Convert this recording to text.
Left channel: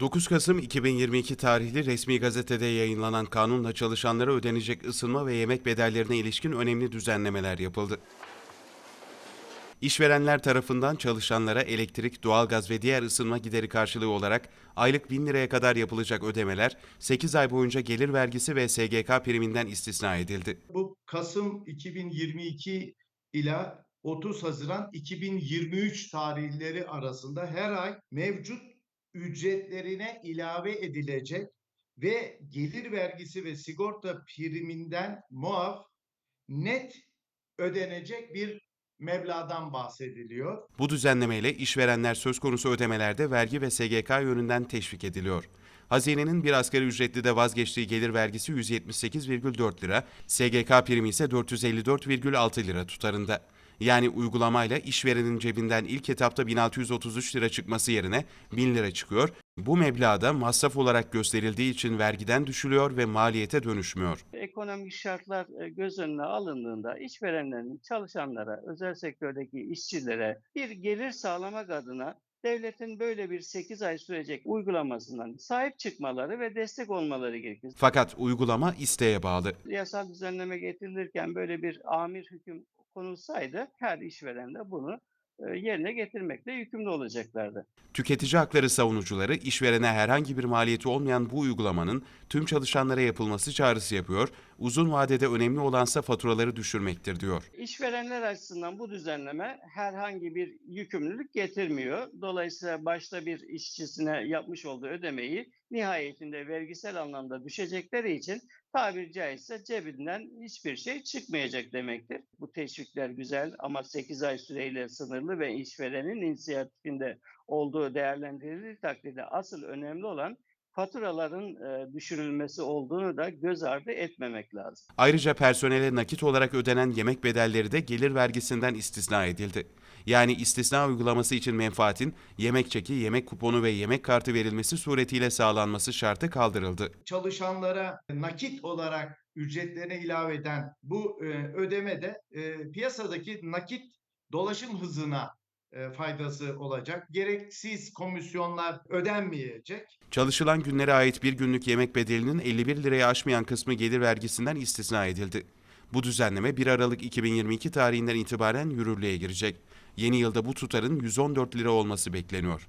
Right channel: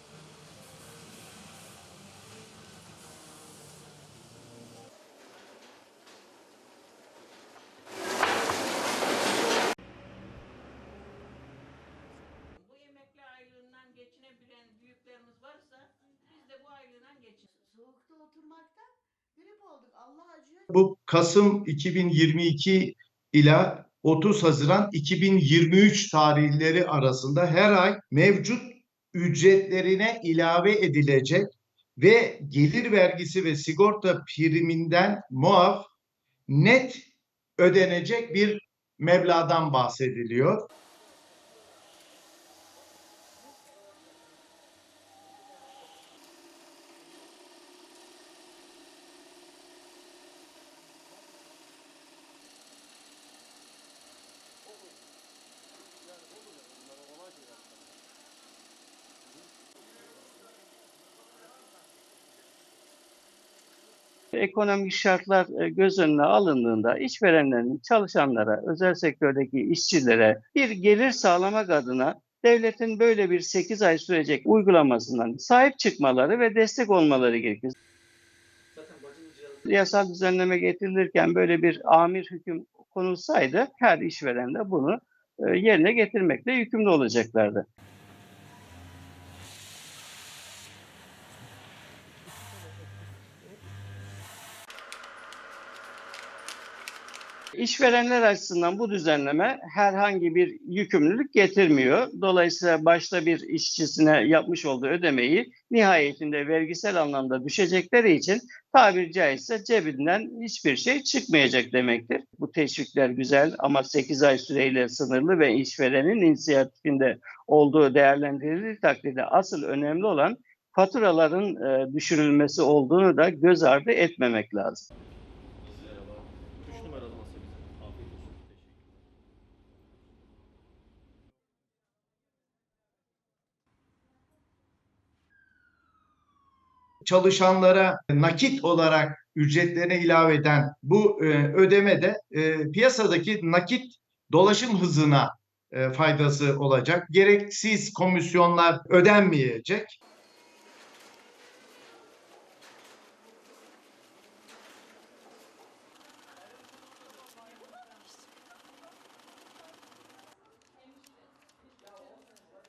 9 Kasım 2022 tarihli resmi gazetede yayınlanan kanunla çalışanlara ödenecek ısınma ve yemek bedellerine ilişkin önemli düzenlemeler yapıldı. İşverenler tarafından çalışanlara elektrik, doğalgaz ve diğer ısınma gideri karşılığı olarak aylık 1000 liraya kadar yapılacak ödemeler 8 ay boyunca gelir vergisi ve SGK priminden istisna edildi. Bu Kasım 2022 ila 30 Haziran 2023 tarihleri arasında her ay mevcut ücretlerine ilave edilecek ve gelir vergisi ve sigorta priminden muaf net ödenecek bir meblağdan bahsediliyor. Bu düzenlemeyle işverenler söz konusu ödemelerde vergi ve SGK yönünden teşvik ediliyor. Hazinenin bir asgari ücretli de vazgeçtiği gelir vergisi 178,4 lira, SGK primi ise 454,6 lira tutarında. Yani uygulamayla işverenin cebinden ilk etapta 1633 lira çıkması yerine 1000 lira çıkıyor. Bu meblağda masraf olarak gösterildiği için vergiden düşülüyor ve maliyete dönüşmüyor. Ekonomik şartlar e, göz önüne alındığında işverenlerin çalışanlara, özel sektördeki işçilere bir gelir sağlamak adına devletin böyle bir 8 ay sürecek uygulamasından sahip çıkmaları ve destek olmaları gerekir. Fakat uygulama isteğe bağlı. Yasal düzenleme getirilirken böyle bir amir hüküm konulsaydı her işveren de bunu e, yerine getirmekle yükümlü olacaklardı. Tüketici hakları savunucuları işverene herhangi bir maliyeti olmayan bu uygulamanın tüm çalışanlara yapılması çağrısı yapıyor. Uzun vadede önemli olansa faturaları düşürmektir diyor. İşverenler açısından bu düzenleme herhangi bir yükümlülük getirmiyor. Dolayısıyla başta bir işçisine yapmış olduğu ödemeyi nihayetinde vergisel anlamda düşecekleri için tabiri caizse cebinden hiçbir şey çıkmayacak demektir. Bu teşvikler güzel ama 8 ay süreyle sınırlı ve işverenin inisiyatifinde olduğu değerlendirildiği takdirde asıl önemli olan faturaların e, düşürülmesi olduğunu da göz ardı etmemek lazım. Ayrıca personele nakit olarak ödenen yemek bedelleri de gelir vergisinden istisna edildi. Yani istisna uygulaması için menfaatin yemek çeki, yemek kuponu ve yemek kartı verilmesi suretiyle sağlanması şartı kaldırıldı. Çalışanlara nakit olarak ücretlerine ilave eden bu e, ödeme de e, piyasadaki nakit dolaşım hızına faydası olacak. Gereksiz komisyonlar ödenmeyecek. Çalışılan günlere ait bir günlük yemek bedelinin 51 liraya aşmayan kısmı gelir vergisinden istisna edildi. Bu düzenleme 1 Aralık 2022 tarihinden itibaren yürürlüğe girecek. Yeni yılda bu tutarın 114 lira olması bekleniyor.